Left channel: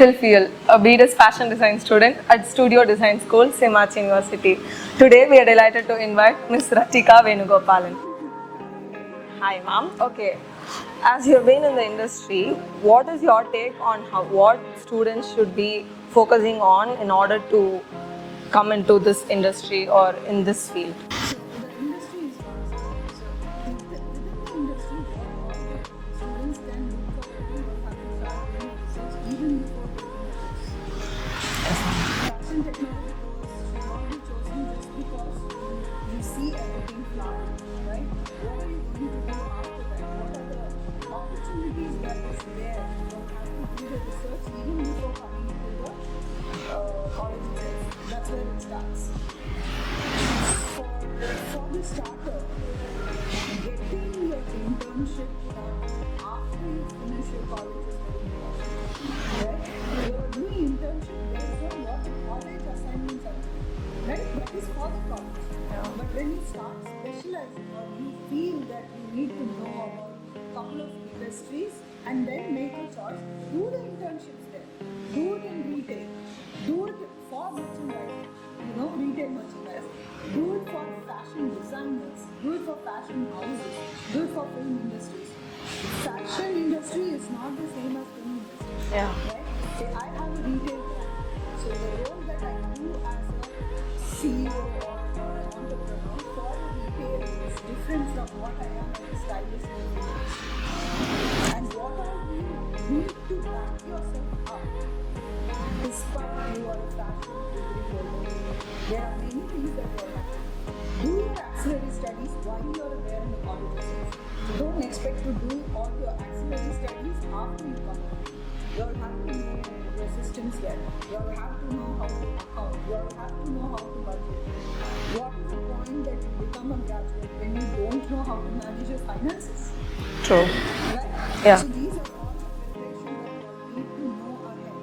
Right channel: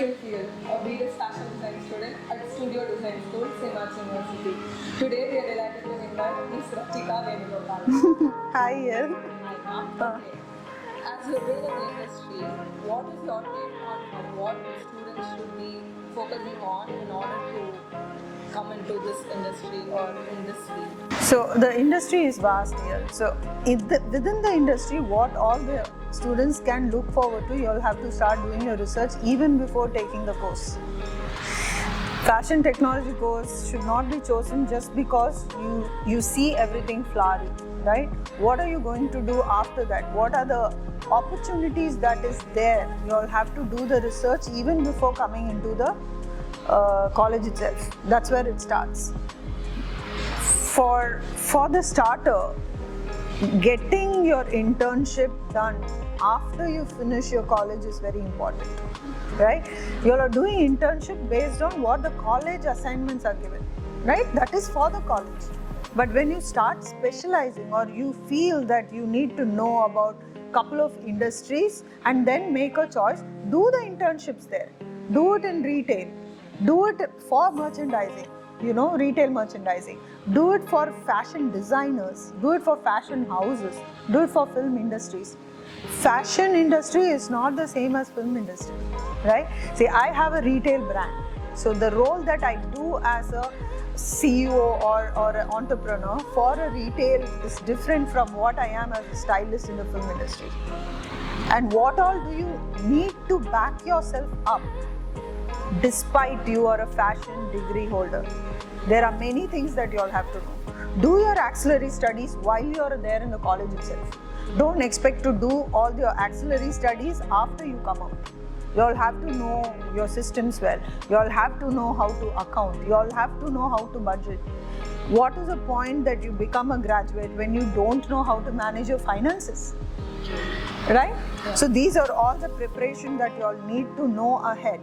Phil, a BDS fashion design student at Studio Design School, Simach University. Today we are delighted to invite Ms. Ratika Venugopalan. Hi, Ian. Hi, ma'am. Okay. As you've been in the industry, what is your take on what students should be focusing on in order to come into this industry or in this field? So the industry is vast here. So within the industry, what all the students can look forward to, you'll have to start doing your research even before taking the course. Fashion technology course should not be chosen just because you see everything flowery, right? What are you going to do after that? What are the opportunities that is there? You'll have to do the research even before coming into the college itself. That's where it starts. For the starter, getting your internship done after you finish your college is very important, right? You are doing internship based on what the college assignments are given, right? That is for the college. But when you start specializing or you feel that you need to know about a couple of industries and then make a choice, do the internships there. Do it in retail. Do it for merchandising, retail merchandising. Do it for fashion designers. Do it for fashion houses. Do it for film industries. Fashion industry is not the same as film industry, right? See, I have a retail brand. So the role that I do as a CEO or an entrepreneur for a retail is different from what I am as a stylist in the film industry. And what all do you need to back yourself up despite you are a fashion degree holder? There are many things that you all have to do. Do your auxiliary studies while you are there in the college itself. Don't expect to do all your auxiliary studies after you come out. You all have to know your systems well. You all have to know how to account. You all have to know how to budget. What is the point that you become a graduate when you don't know how to manage your finances? True. Right? Yeah. So these are all the preparation that you all need to know ahead.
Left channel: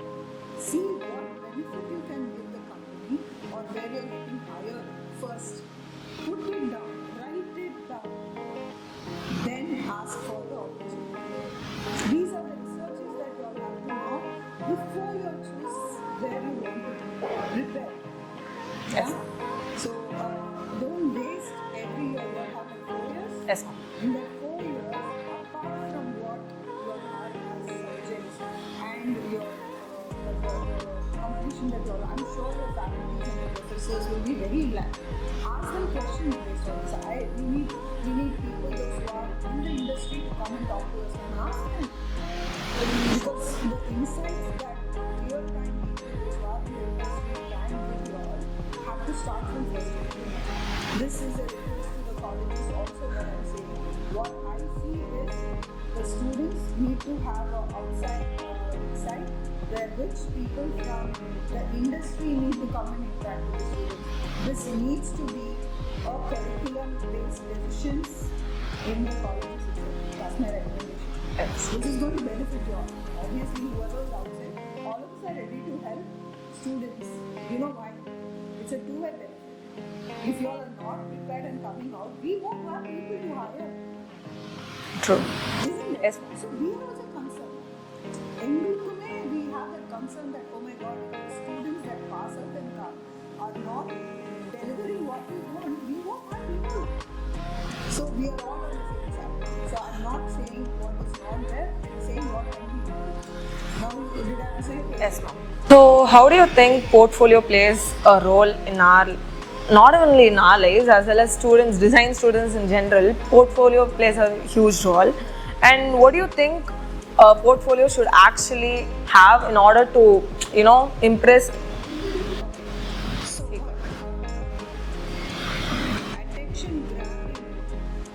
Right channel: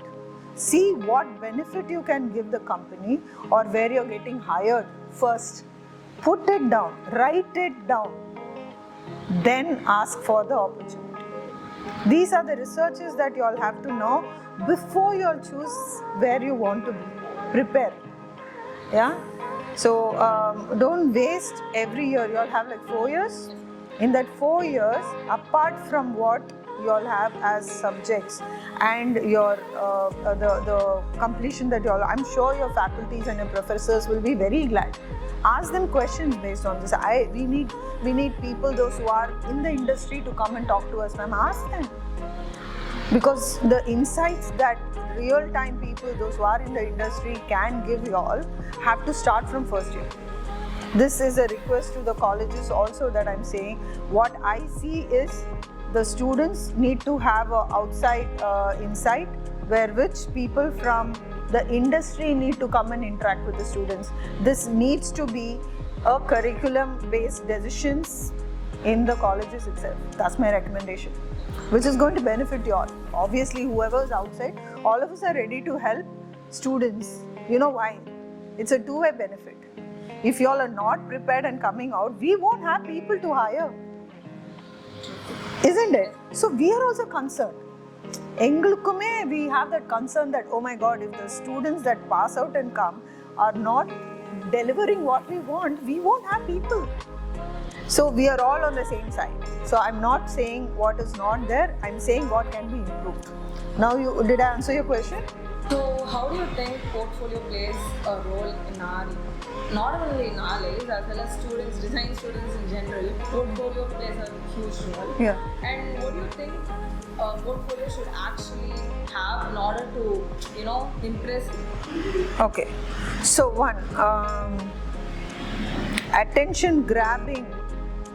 See what benefit you can give the company or where you're getting hired first. Put it down, write it down, then ask for the opportunity. These are the researches that you all have to know before you all choose where you want to prepare. Yeah? So don't waste every year. You all have like 4 years? Yes. In that 4 years, apart from what you all have as subjects and your the completion that you all, I'm sure your faculties and your professors will be very glad. Ask them questions based on this. We need people, those who are in the industry, to come and talk to us, ma'am. Ask them. Because the insights that real-time people, those who are in the industry, can give you all, have to start from first year. This is a request to the colleges also that I'm saying. What I see is the students need to have an outside insight where which people from the industry need to come and interact with the students. This needs to be a curriculum-based decisions in the colleges itself. That's my recommendation, which is going to benefit you all. Obviously, whoever is outside, all of us are ready to help students. You know why? It's a two-way benefit. If you all are not prepared and coming out, we won't have people to hire. True. Isn't it? So we are also concerned. Engalukkume, we have that concern that, oh my God, if the students that pass out and come are not delivering what we want, we won't have people. So we are all on the same side. So I'm not saying what is not there, I'm saying what can be improved. Now, did I answer your question? Yes. So how do you think portfolio plays a role in our, not only in our lives, as well as students, design students in general? Portfolio plays a huge role. Yeah. And what do you think a portfolio should actually have in order to, impress? Okay. So one, attention grabbing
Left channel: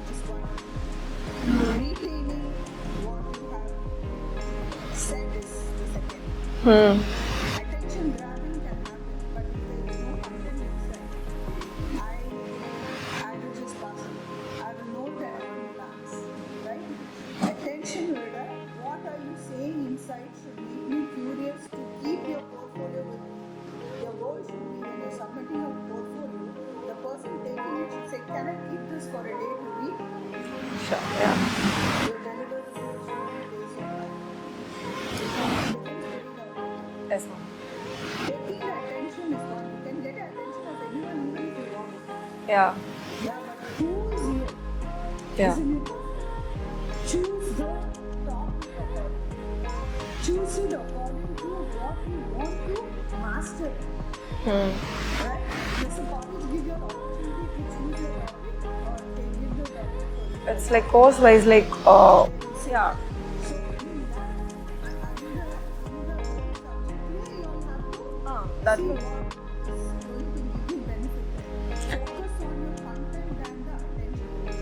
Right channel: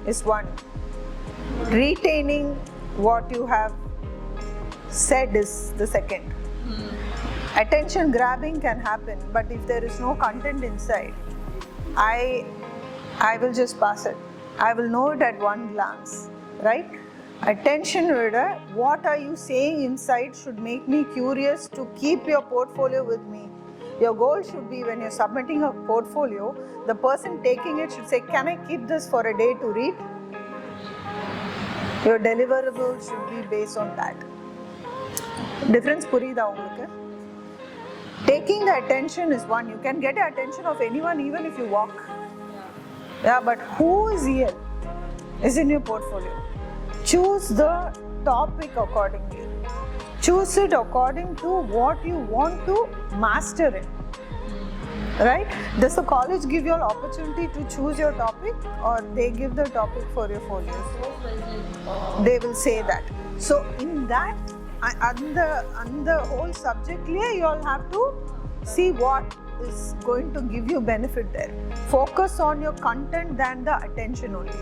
is one. Retaining what you have said is the second. Attention grabbing can happen, but if there is no content inside, I will just pass it. I will know it at one glance, right? Attention reader, what are you saying inside should make me curious to keep your portfolio with me. Your goal should be, when you're submitting a portfolio, the person taking it should say, can I keep this for a day to read? Sure. Yeah. Your deliverables should be based on that. Difference purida ungalku? Yes, ma'am. Taking the attention is one. You can get the attention of anyone even if you walk. Yeah. Yeah, but who is here is Yeah. in your portfolio. Choose the topic accordingly. Choose it according to what you want to master it. Right? Does the college give you an opportunity to choose your topic, or they give the topic for your It's phone? like course wise, like They will say yeah. that. So in that, on the whole subject, you all have to that- see what is going to give you benefit there. Focus on your content than the attention only.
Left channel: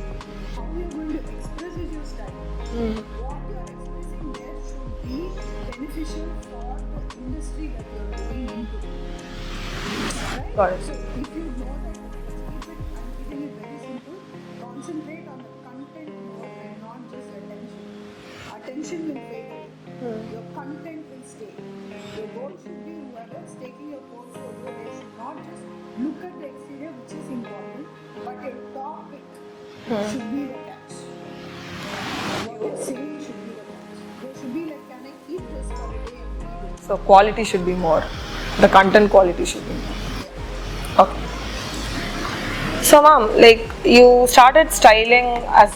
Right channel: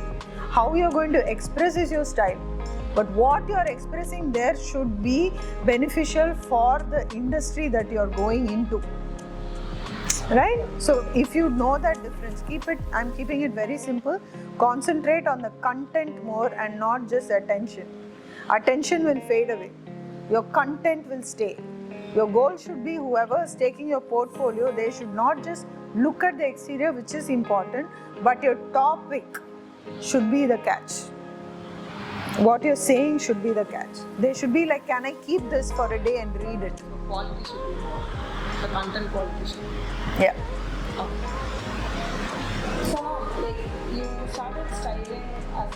How you're going to express is your style, but what you're expressing there should be beneficial for the industry that you're going into. Right? Got it. So if you know that difference, I'm keeping it very simple. Concentrate on the content more and not just attention. Attention will fade away. Your content will stay. Your goal should be whoever is taking your portfolio, they should not just look at the exterior, which is important, but your topic should be the catch. What you're saying should be the catch. They should be like, can I keep this for a day and read it? So quality should be more. The content quality should be. Yeah. Okay. So, ma'am, like you started styling as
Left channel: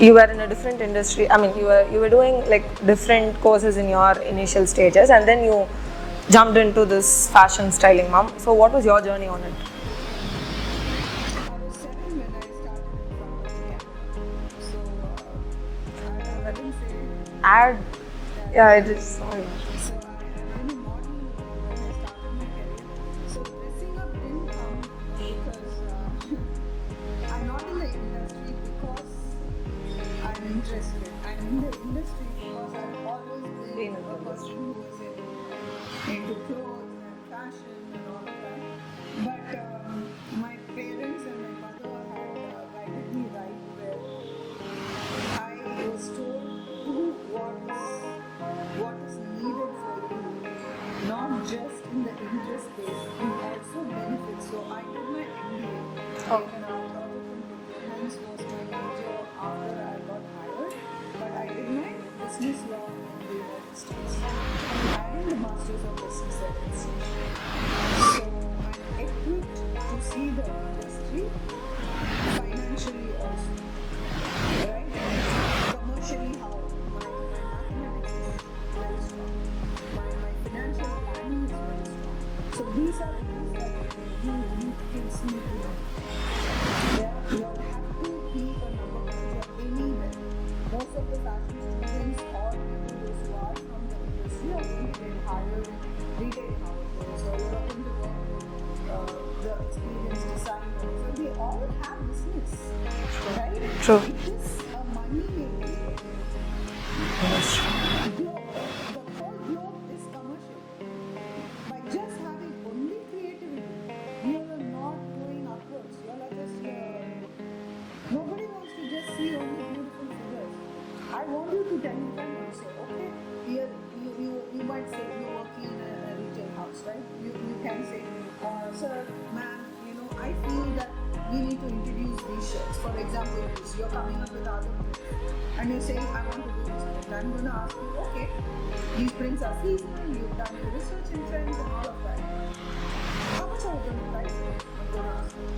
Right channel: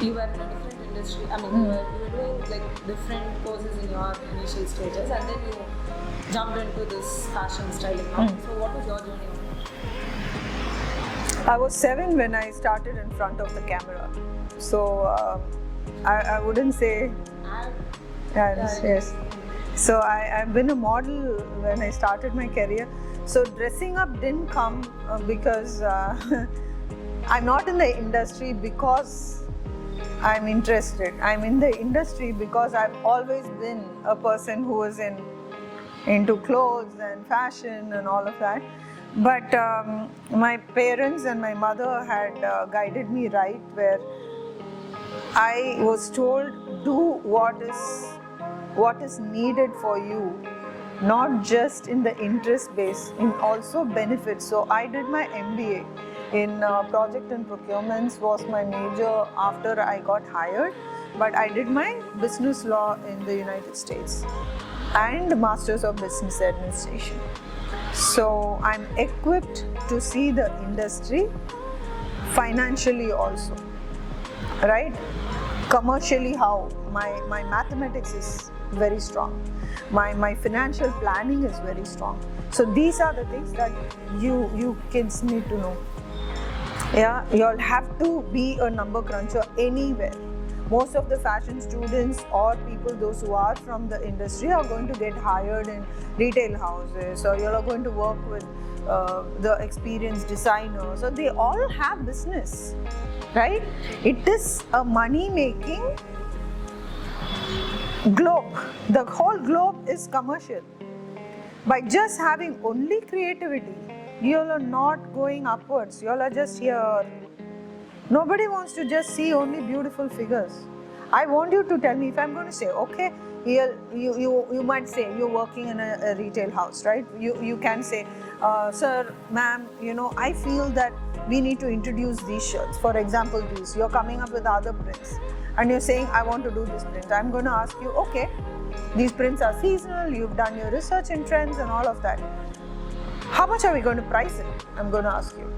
you were in a different industry. I mean, you were doing like different courses in your initial stages, and then you jumped into this fashion styling, ma'am. So, what was your journey on it? I was 7 when I started in front of the camera. So I wouldn't say ad. Yeah, it yes. is. So I've been a model when I started my career. So dressing up didn't come because I'm not in the industry because I'm interested. I'm in the industry because I've always been a person who was into clothes and fashion and all of that. But my parents and my mother had guided me right, where I was told, do what is needed for you, not just in the interest base, in also benefits. So I did my MBA in project and procurements was my major after I got hired, but I did my business law in the United States and Masters of Business Administration. So I'm equipped to see the industry financially also, right? Commercially, how my mathematics is very strong, my financial planning is very strong. So these are the things that you kids need to know. Yeah, you'll have to be a number cruncher anywhere. Most of the fashion students or people, those who are from the industry, are going to get hired in retail houses, or you're going to work with the experienced designers. So they all have business, right? True. It is a money-making globe. The whole globe is commercial. By just having only creativity, you all are not going upwards. You all are just here. Nobody wants to just see only beautiful figures. I want you to tell me, if I'm going to say, okay, here you might say you're working in a retail house, right? You can say, sir, ma'am, I feel that we need to introduce these shirts. For example, these. You're coming up with other prints, and you're saying, I want to do this print. I'm going to ask you, okay, these prints are seasonal. You've done your research in trends and all of that. How much are we going to price it? I'm going to ask you.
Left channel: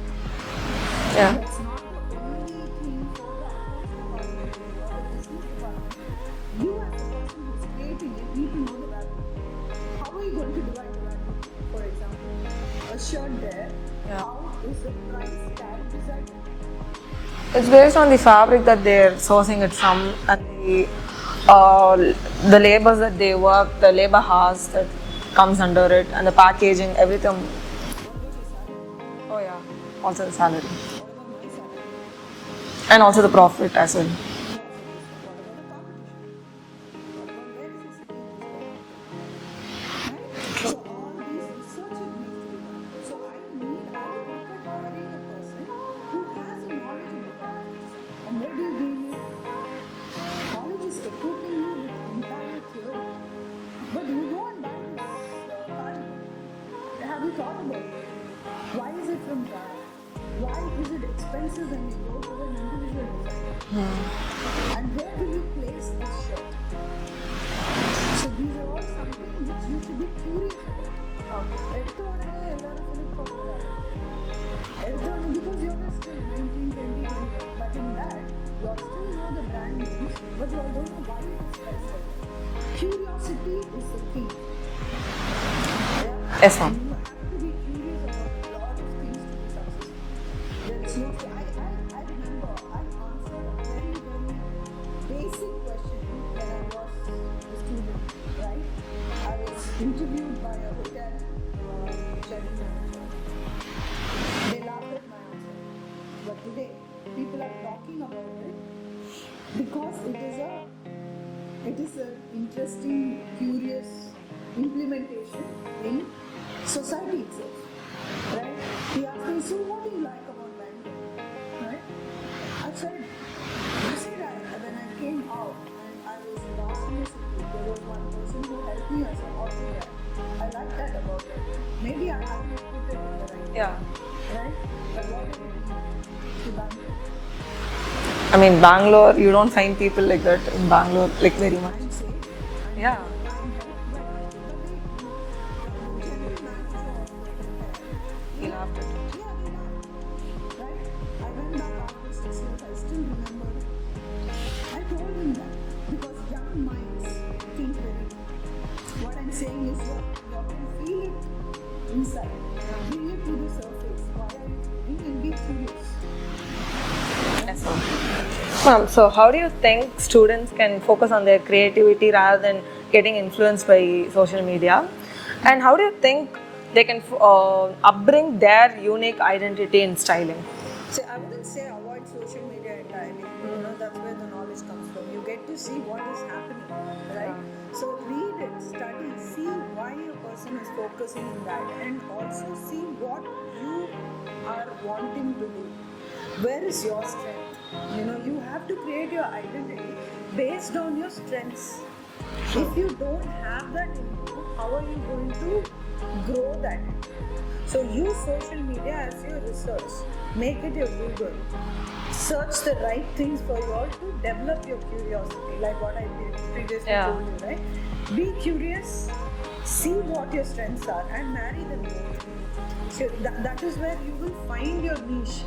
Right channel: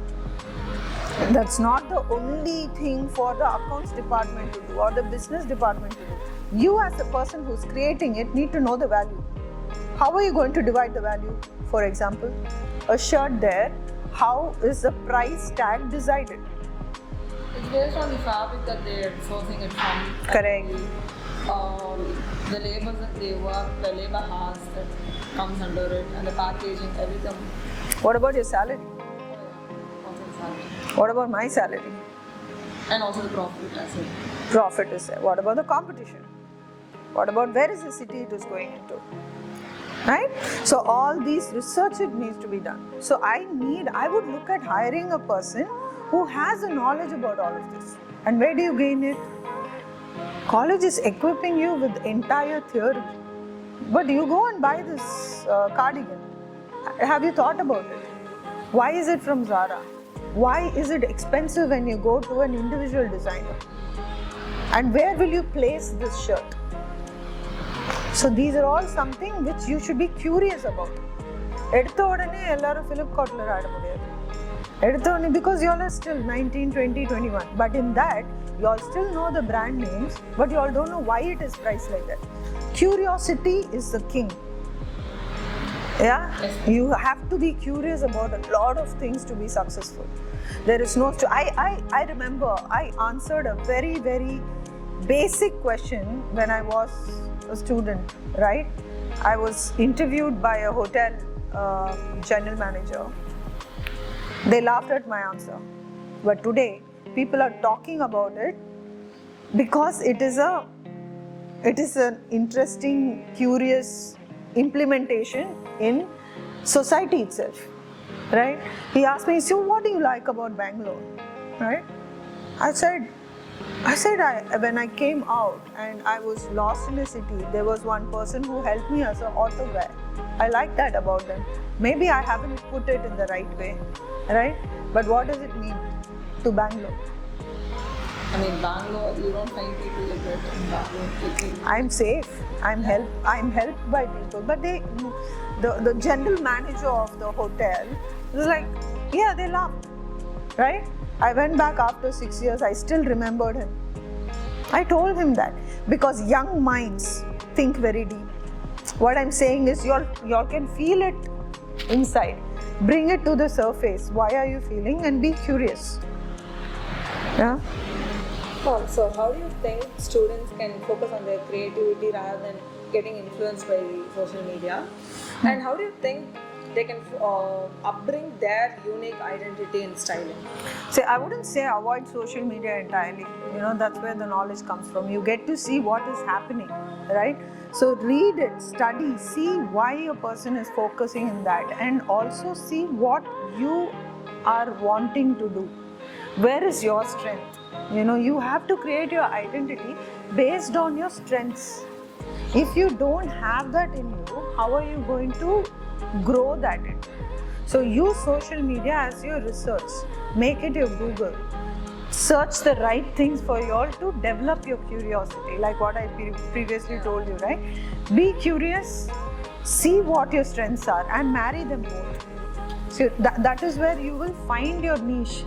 Yeah. That's not the only thing for the accounts department to do or the business department to do. You as a person who's creating it need to know the value. How are you going to divide the value? For example, a shirt there, how is the price tag decided? It's based on the fabric that they're sourcing it from. Correct. And the labors that they work, the labor hours that comes under it, and the packaging, everything. What about your salary? Oh yeah. Also the salary. What about my salary? And also the profit as well. Profit is there. What about the competition? What about where is the city it is going into? Right? So all these research it needs to be done. So I would look at hiring a person who has a knowledge about all of this. And where do you gain it? College is equipping you with the entire theory. But you go and buy this cardigan. Have you thought about it? Why is it from Zara? Why is it expensive when you go to an individual designer? And where will you place this shirt? So these are all something which you should be curious about. எடுத்த உடனே எல்லாரும் Flipkartல ஆட முடியாது. எடுத்த உடனே because you all are still 19, 20, 21. But in that, you all still know the brand names, but you all don't know why it is priced like that. Curiosity is the king. Yeah? Yes, ma'am. You have to be curious about a lot of things to be successful. There is no... I remember I answered a very, very basic question when I was a student, right? I was interviewed by a hotel general manager. They laughed at my answer. But today, people are talking about it because it is an interesting, curious implementation in society itself, right? He asked me, so what do you like about Bangalore, right? I said, when I came out and I was lost in the city, there was one person who helped me as an auto guy. I like that about them. Maybe I haven't put it in the right way, right? But what does it mean to Bangalore? I mean, Bangalore, you don't find people like that in Bangalore, like very much. I'm safe. I'm helped by people. But the general manager of the hotel was like, yeah, they laughed, right? I went back after 6 years. I still remembered him. I told him that because young minds think very deep. What I'm saying is, you all can feel it inside. Bring it to the surface. Why are you feeling? And be curious. Yeah. Ma'am, so how do you think students can focus on their creativity rather than getting influenced by social media? And how do you think they can upbring their unique identity in styling? See, I wouldn't say avoid social media entirely. You know, that's where the knowledge comes from. You get to see what is happening, right? So read it, study, see why a person is focusing in that, and also see what you are wanting to do. Where is your strength? You know, you have to create your identity based on your strengths. If you don't have that in you, how are you going to grow that in? So use social media as your research. Make it your Google. Search the right things for you all to develop your curiosity, like what I previously told you, right? Be curious, see what your strengths are, and marry them both. So that is where you will find your niche,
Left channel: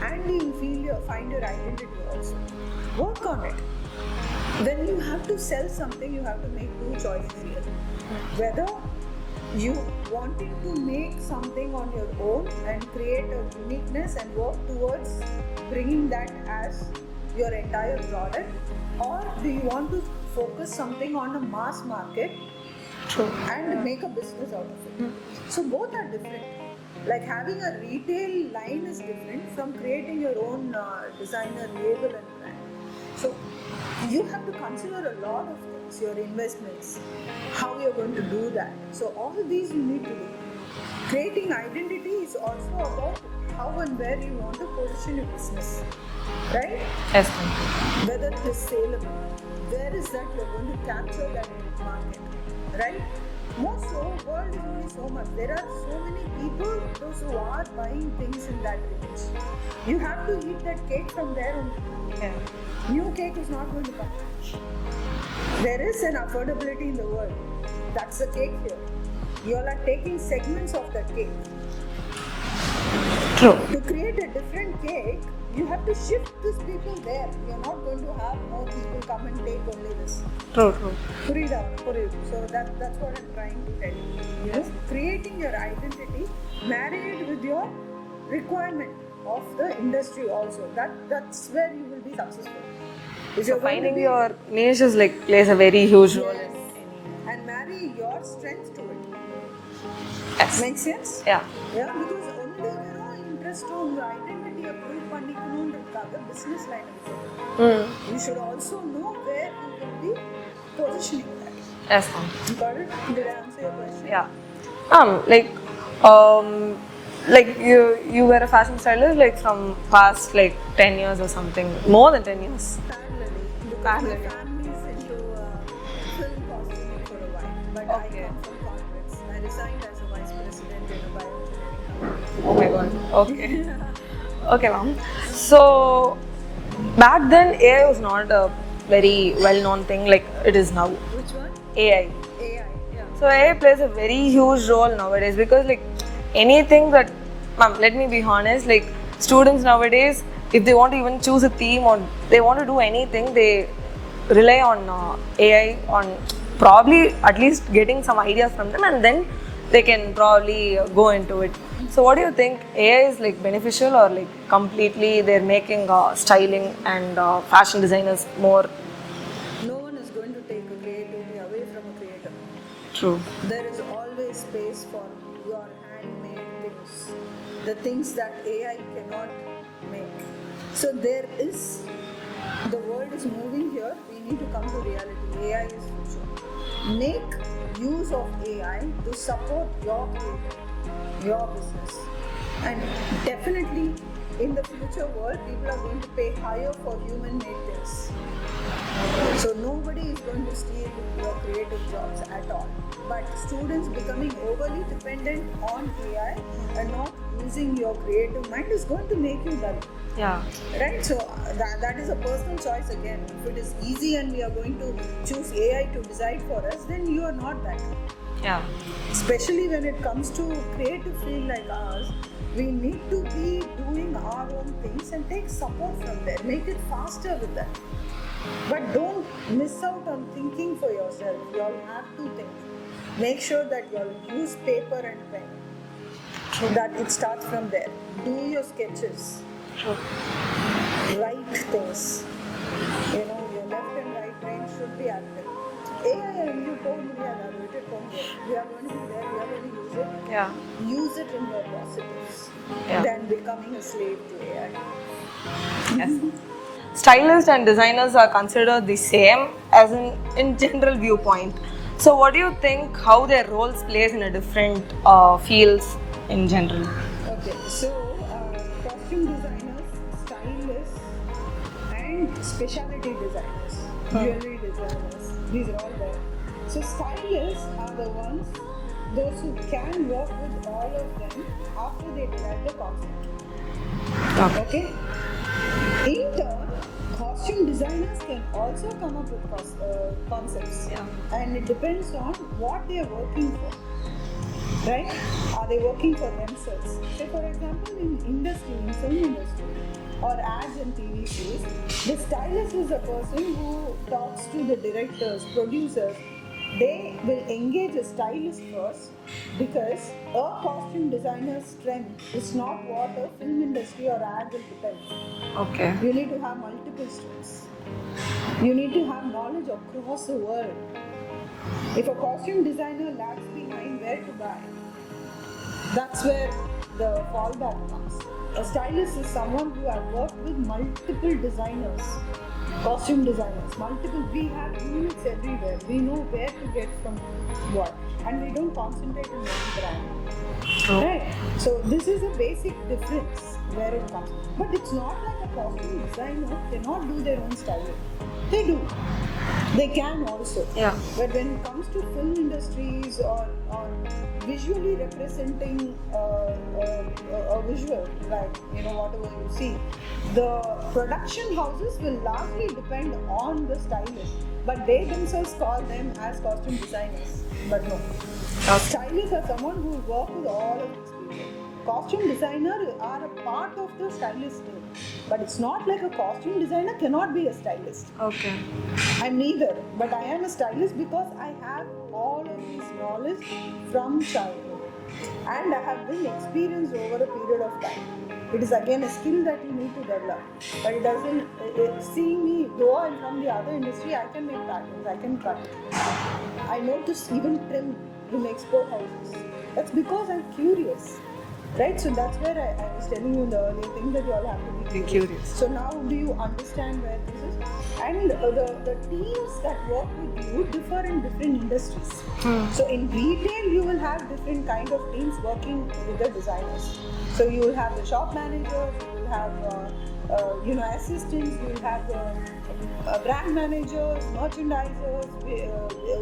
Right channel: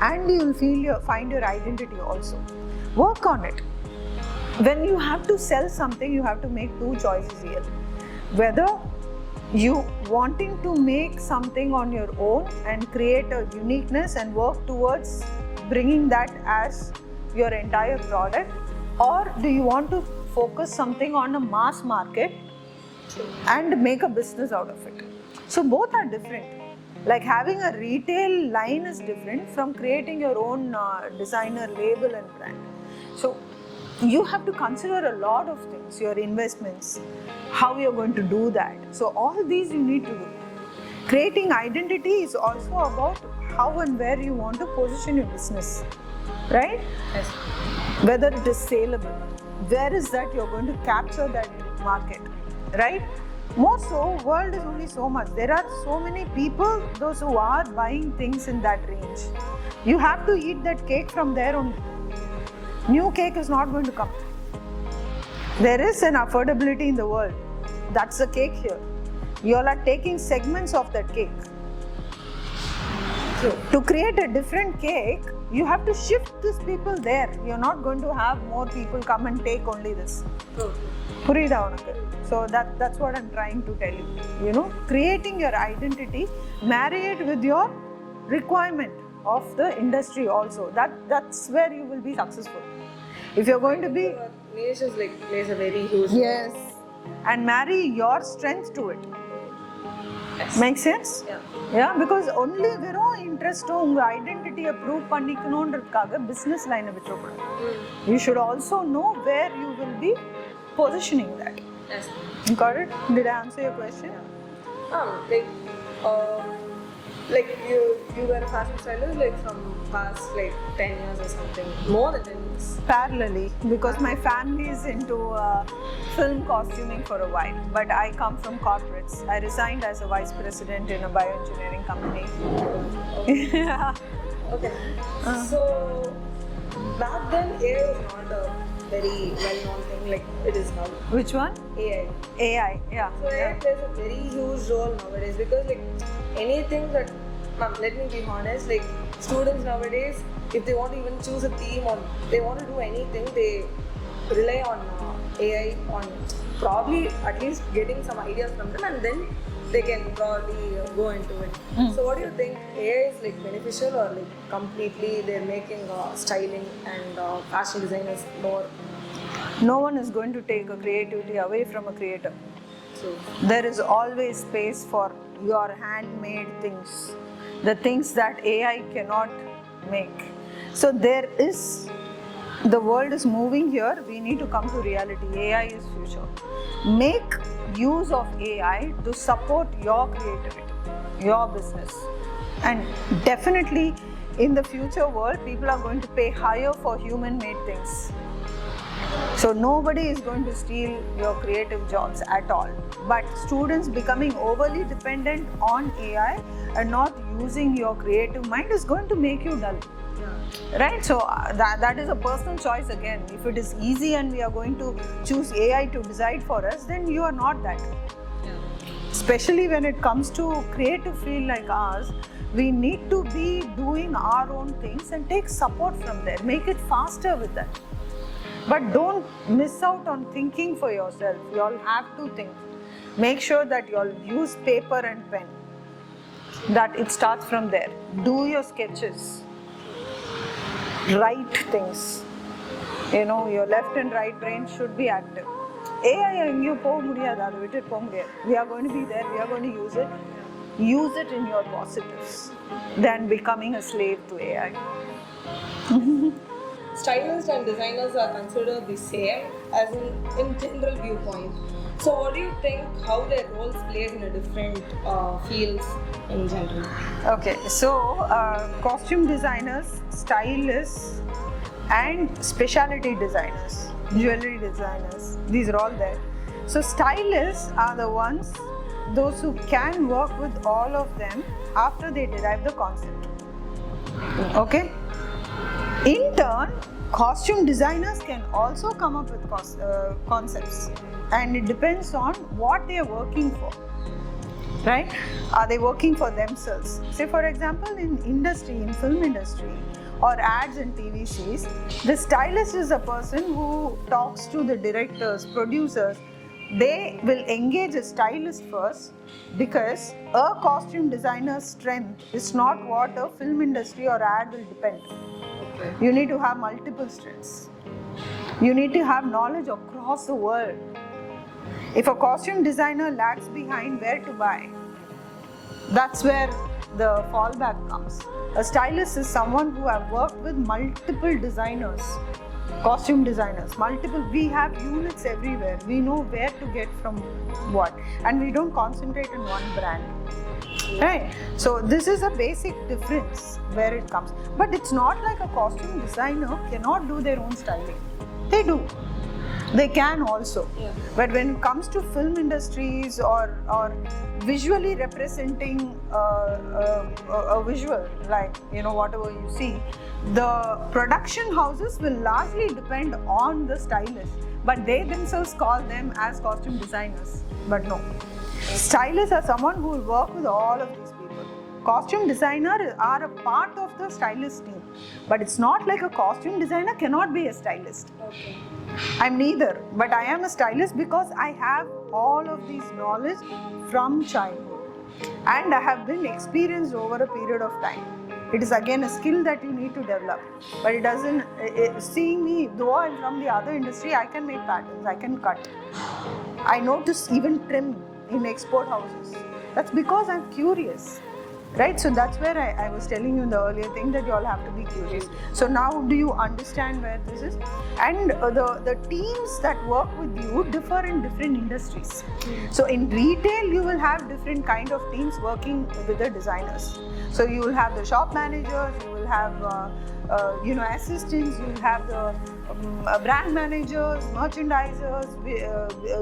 and you will find your identity also. Work on it. When you have to sell something, you have to make two choices here. Whether you wanting to make something on your own and create a uniqueness and work towards bringing that as your entire product, or do you want to focus something on a mass market and make a business out of it? So both are different. Like having a retail line is different from creating your own designer label and brand. So you have to consider a lot of things, your investments, how you're going to do that. So all these you need to do. Creating identity is also about how and where you want to position your business, right? Yes. Whether it is saleable, where is that you're going to capture that market, right? More so, world is only so much. There are so many people, those who are buying things in that range. You have to eat that cake from there only. New cake is not going to come. There is an affordability in the world. That's the cake here. You all are taking segments of that cake. True. To create a different cake, you have to shift these people there. You're not going to have more people come and take only this. True. So that's what I'm trying to tell you. You know, creating your identity, marry it with your requirement of the industry also. That's where you will be successful. If you're going Finding to be, your niche is like plays a very huge role. yes, and marry your strength to it. Yes. Make sense? Yeah. Because only வெறும் interest உங்க ஐடென்டிட்டியை prove பண்ணிக்கணும்ன்றதுக்காக business லைனை விட்டுறக்கூடாது. You should also know where you will be positioning that. Yes, ma'am. You got it? Did I answer your question? Yeah. Like you were a fashion stylist like from past like 10 years or something, more than 10 years. Parallelly, because my family is into film costuming for a while, but I come from corporates. I resigned as a vice president in a bioengineering company. Oh my god. Okay. Okay, ma'am. So back then AI was not a very well-known thing like it is now. Which one? AI. AI. Yeah. So AI plays a very huge role nowadays because like anything that, ma'am, let me be honest, like students nowadays, if they want to even choose a theme or they want to do anything, they rely on AI, on probably at least getting some ideas from them, and then they can probably go into it. So what do you think? AI is like beneficial or like completely they're making styling and fashion designers more? No one is going to take a creativity away from a creator. True. There is always space for your handmade things, the things that AI cannot make. So there is, the world is moving here, we need to come to reality. AI is future. Make use of AI to support your creativity, your business. And definitely in the future world, people are going to pay higher for human-made things. So nobody is going to steal your creative jobs at all. But students becoming overly dependent on AI and not using your creative mind is going to make you dull. Yeah. Right? So that is a personal choice again. If it is easy and we are going to choose AI to decide for us, then you are not that. Yeah. Especially when it comes to creative field like ours, we need to be doing our own things and take support from there. Make it faster with that. But don't miss out on thinking for yourself. You all have to think. Make sure that you all use paper and pen. That it starts from there. Do your sketches. Write things. You know, your left and right brain should be active. AI and you we are going to be there, we are going to use it. Yeah. Use it in your positives Yeah. than becoming a slave to AI. Yes. Stylists and designers are considered the same as in general viewpoint. So what do you think how their roles plays in a different fields in general? Okay, so costume designers, stylists, and specialty designers, jewelry designers, these are all there. So stylists are the ones, those who can work with all of them after they derive the concept. Okay? In turn, costume designers can also come up with concepts, and it depends on what they are working for. Right? Are they working for themselves? Say for example, in industry, in film industry, or ads and TV series, the stylist is a person who talks to the directors, producers. They will engage a stylist first because a costume designer's strength is not what a film industry or ad will depend. Okay. You need to have multiple strengths. You need to have knowledge across the world. If a costume designer lags behind where to buy, that's where the fallback comes. A stylist is someone who have worked with multiple designers, costume designers, multiple. We have units everywhere. We know where to get from what, and we don't concentrate on one brand. Right? So this is a basic difference where it comes. But it's not like a costume designer cannot do their own styling. They do. They can also. Yeah. But when it comes to film industries or visually representing a visual, like whatever you see, the production houses will largely depend on the stylist. But they themselves call them as costume designers. But no. Stylists are someone who will work with all of these people. Costume designers are a part of the stylist team. But it's not like a costume designer cannot be a stylist. Okay. I'm neither, but I am a stylist because I have all of this knowledge from childhood. And I have been experienced over a period of time. It is again a skill that you need to develop. But it doesn't, seeing me, though I'm from the other industry, I can make patterns, I can cut. I know to even trim in export houses. That's because I'm curious. Right, so that's where I was telling you in the earlier thing that you all have to be curious. So now do you understand where this is? And the teams that work with you differ in different industries. So in retail, you will have different kind of teams working with the designers. So you will have the shop managers, you will have assistants, you will have the brand managers, merchandisers,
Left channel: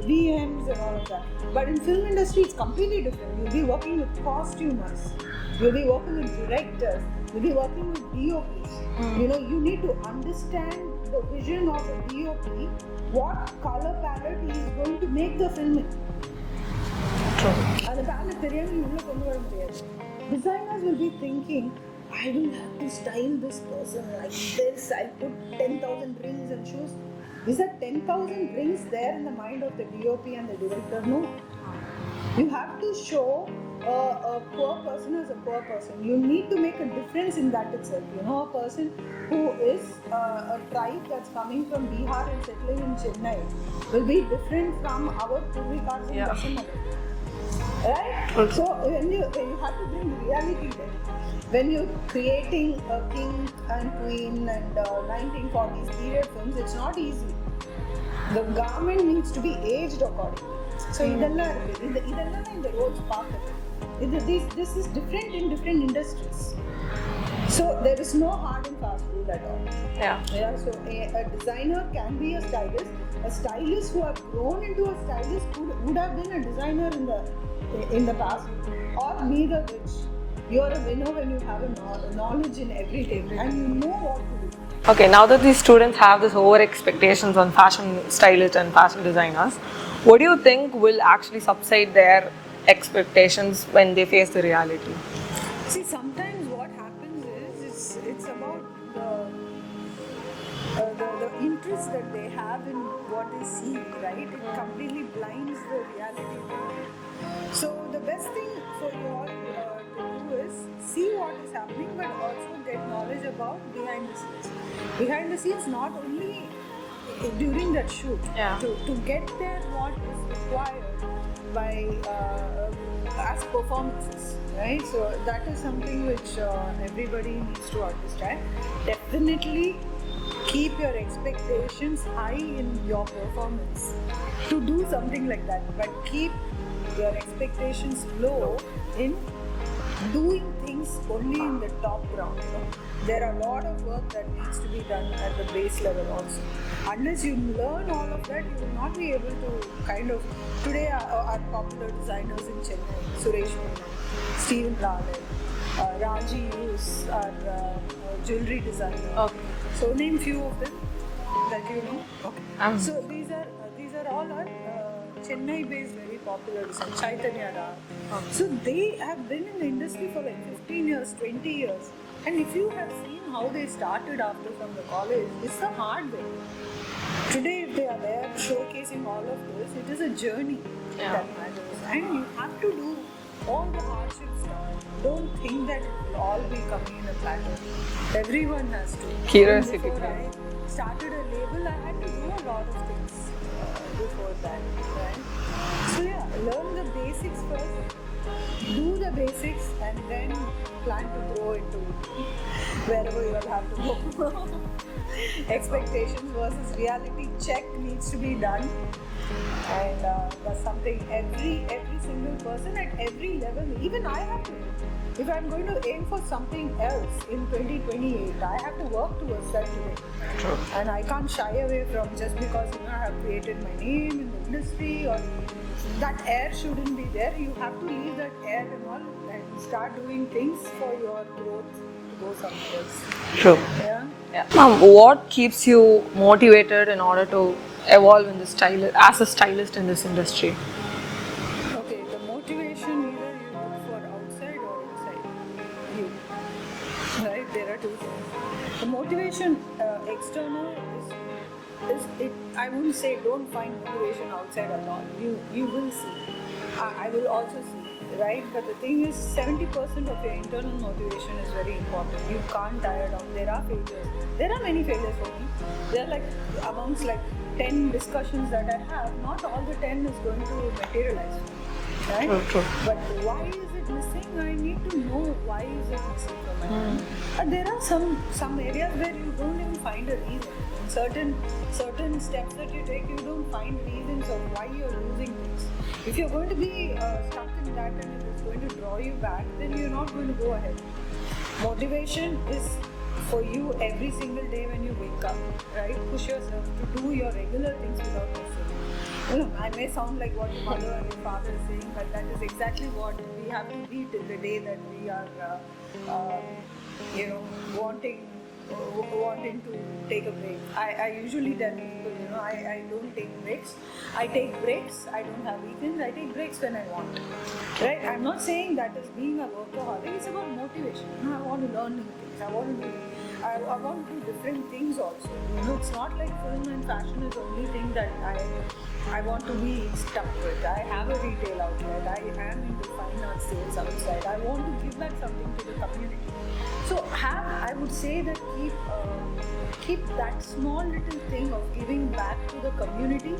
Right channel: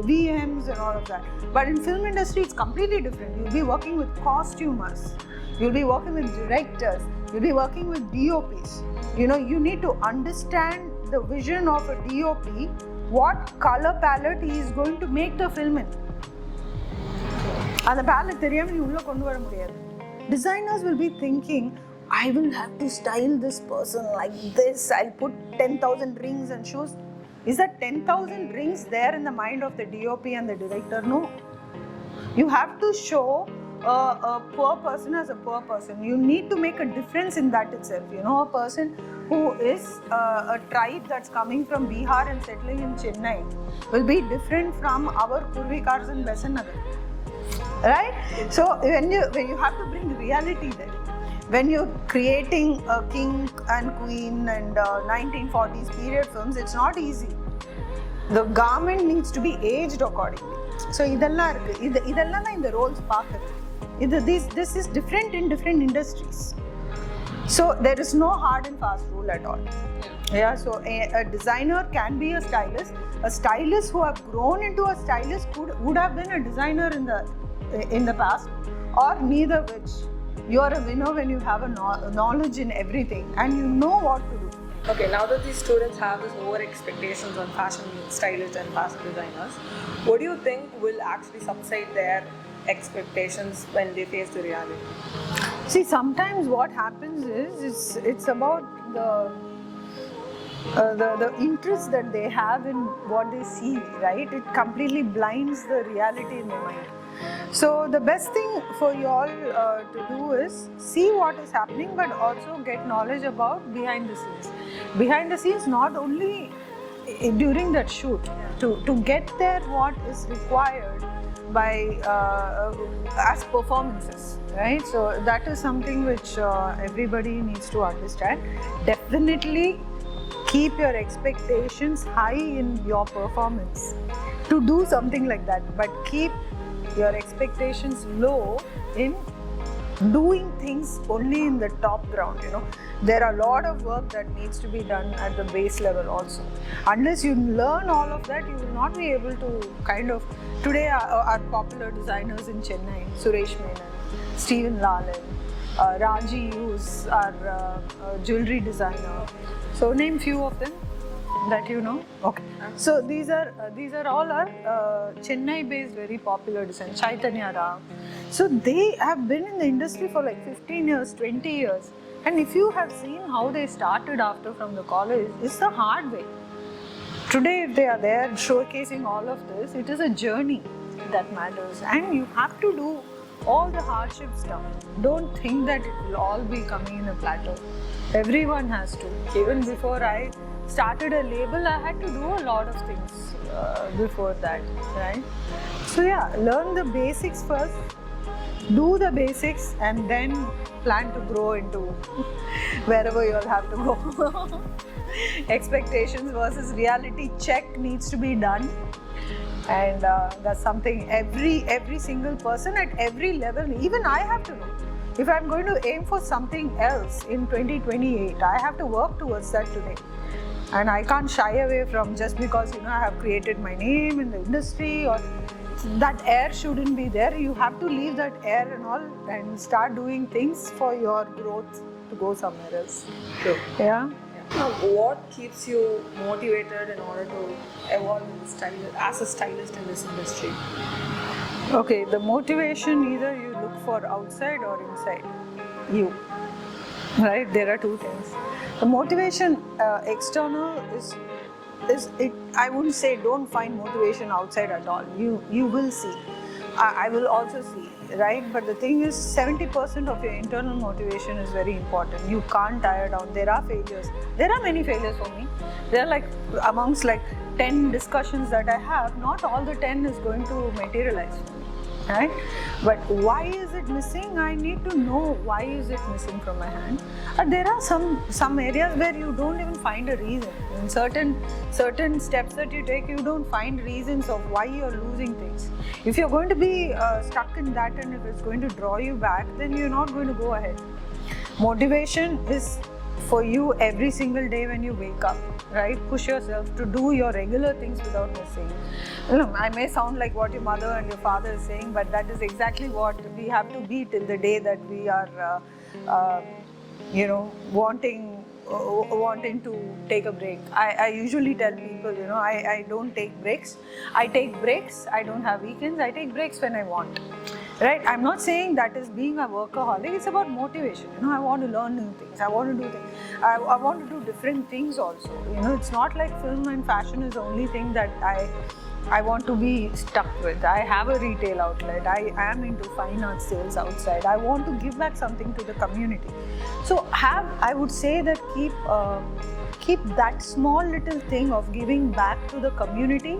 VMs and all of that. But in film industry, it's completely different. You'll be working with costumers, you'll be working with directors, you'll be working with DOPs. You need to understand the vision of a DOP, what color palette he is going to make the film in. And the palette தெரியாம நீ உள்ள கொண்டு வர முடியாது. Designers will be thinking, I will have to style this person like this. I'll put 10,000 rings and shoes. Is that 10,000 rings there in the mind of the DOP and the director? No. You have to show a poor person as a poor person. You need to make a difference in that itself. You know, a person who is a tribe that's coming from Bihar and settling in Chennai will be different from our Purvikars in Vaishnagar. Right? So when you have to bring reality there. When you're creating a king and queen and 1940s period films, it's not easy. The garment needs to be aged accordingly. So இதெல்லாம் இருக்கு. இதெல்லாம் தான் இந்த roles பார்க்குது. This is different in different industries. So there is no hard and fast rule at all. Yeah. So a designer can be a stylist. A stylist who have grown into a stylist would have been a designer in the past, or neither which. You are a winner when you have a knowledge in everything and you know what to do. Okay, now that these students have this over expectations on fashion stylists and fashion designers, what do you think will actually subside their expectations when they face the reality? See, sometimes what happens is it's about the interest that they have in what they see, right? It completely blinds the reality in the mind. So the best thing for you all to do is see what is happening, but also get knowledge about behind the scenes. Behind the scenes, not only during that shoot, to get there what is required by as performances, right? So that is something which everybody needs to understand. Definitely keep your expectations high in your performance to do something like that, but keep your expectations low in doing things only in the top ground. You know, there are a lot of work that needs to be done at the base level also. Unless you learn all of that, you will not be able to kind of. Today our popular designers in Chennai, Suresh Menon, Stephen Lalan, Raji Hughes, our jewelry designer. Okay. So name few of them that you know. Okay. So these are all our Chennai-based very popular designers. Chaitanya Ram. So they have been in the industry for like 15 years, 20 years. And if you have seen how they started after from the college, it's the hard way. Today, if they are there showcasing all of this, it is a journey that matters. And you have to do all the hardship stuff. Don't think that it will all be coming in a platter. Everyone has to. Curiosity. Before I started a label, I had to do a lot of things before that, right? So yeah, learn the basics first, do the basics, and then plan to grow into wherever you'll have to go. Expectations versus reality check needs to be done, and that's something every single person at every level, even I have to do. If I'm going to aim for something else in 2028, I have to work towards that today. True. And I can't shy away from just because I have created my name in the industry, or that air shouldn't be there. You have to leave that air and all and start doing things for your growth to go somewhere else. True. Yeah. Ma'am, what keeps you motivated in order to evolve in as a stylist in this industry? Okay, the motivation either you look for outside or inside you. Right? There are two things. The motivation external is it. I wouldn't say don't find motivation outside at all. You will see. I will also see. Right? But the thing is, 70% of your internal motivation is very important. You can't tire down. There are failures. There are many failures for me. There are like amongst like 10 discussions that I have, not all the 10 is going to materialize. Right? True. But why is it missing? I need to know why is it missing from my hand. And there are some areas where you don't even find a reason. In certain steps that you take, you don't find reasons of why you're losing things. If you're going to be stuck in that, and if it's going to draw you back, then you're not going to go ahead. Motivation is for you every single day when you wake up, right? Push yourself to do your regular things without missing. You know, I may sound like what your mother and your father is saying, but that is exactly what we have to be till the day that we are, wanting wanting to take a break. I usually tell people, you know, I don't take breaks. I take breaks. I don't have weekends. I take breaks when I want. Right? I'm not saying that is being a workaholic. It's about motivation. You know, I want to learn new things. I want to do things. I want to do different things also. You know, it's not like film and fashion is the only thing that I want to be stuck with. I have a retail outlet. I am into fine art sales outside. I want to give back something to the community. So I would say that keep that small little thing of giving back to the community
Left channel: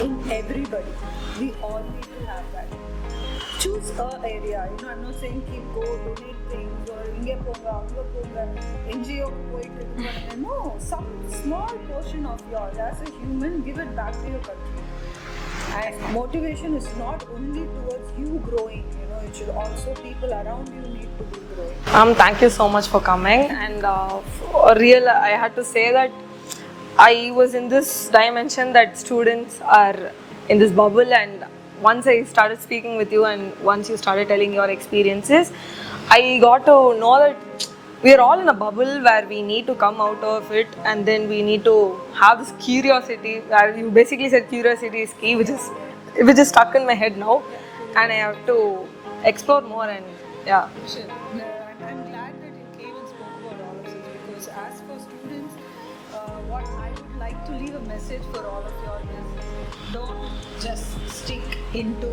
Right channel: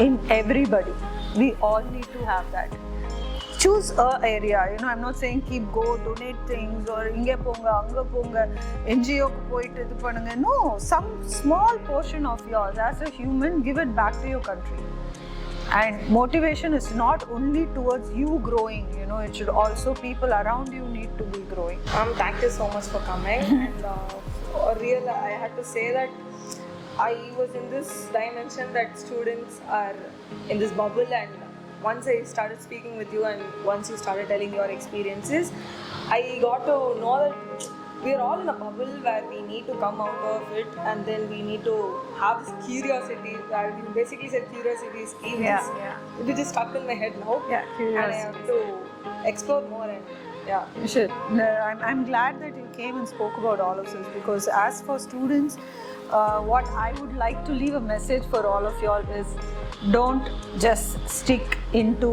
in everybody. We all need to have that. Choose a area. You know, I'm not saying keep go donate things or inge ponga anga ponga NGO ku poitu idu panunga. No, some small portion of yours as a human, give it back to your country. And motivation is not only towards you growing. You know, it should also people around you need to be growing. Thank you so much for coming. And I had to say that I was in this dimension that students are in this bubble, and once I started speaking with you and once you started telling your experiences, I got to know that we are all in a bubble where we need to come out of it, and then we need to have this curiosity. You basically said curiosity is key, which is stuck in my head now, and I have to explore more. And yeah, You should. I'm glad that you came and spoke about all of this, because as for students, what I would like to leave a message for all of y'all is, don't just stick into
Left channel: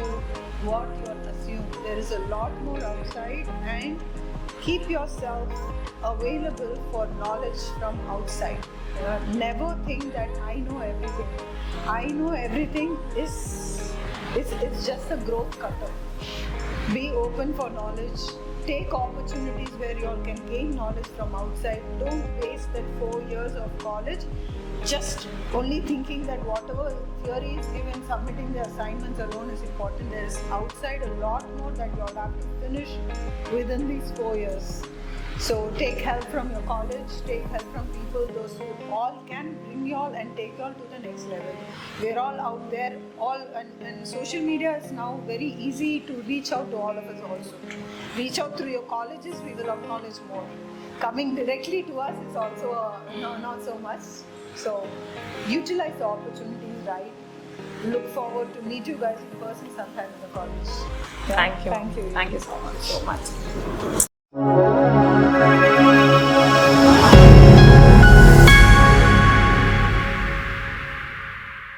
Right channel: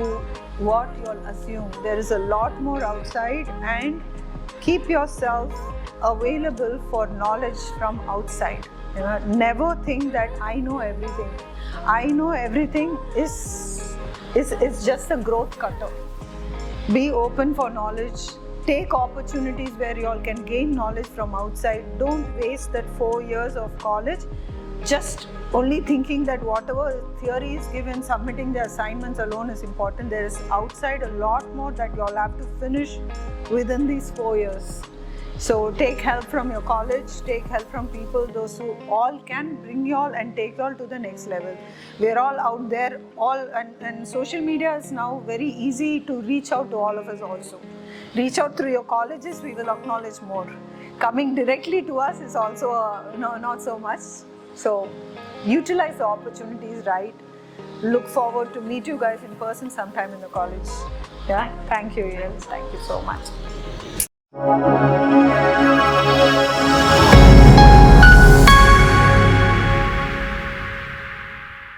what you'll assume. There is a lot more outside, and keep yourself available for knowledge from outside. You know, never think that I know everything. I know everything is just a growth cutter. Be open for knowledge. Take opportunities where you all can gain knowledge from outside. Don't waste that 4 years of college just only thinking that whatever theory is given, submitting the assignments alone is important. There is outside a lot more that you all have to finish within these 4 years. So take help from your college, take help from people, those who all can bring you all and take you all to the next level. We're all out there, and social media is now very easy to reach out to all of us also. Reach out through your colleges, we will acknowledge more. Coming directly to us is also not so much. So utilize the opportunities, right? Look forward to meet you guys in person sometime in the college. Thank you. Thank you. Thank you so much.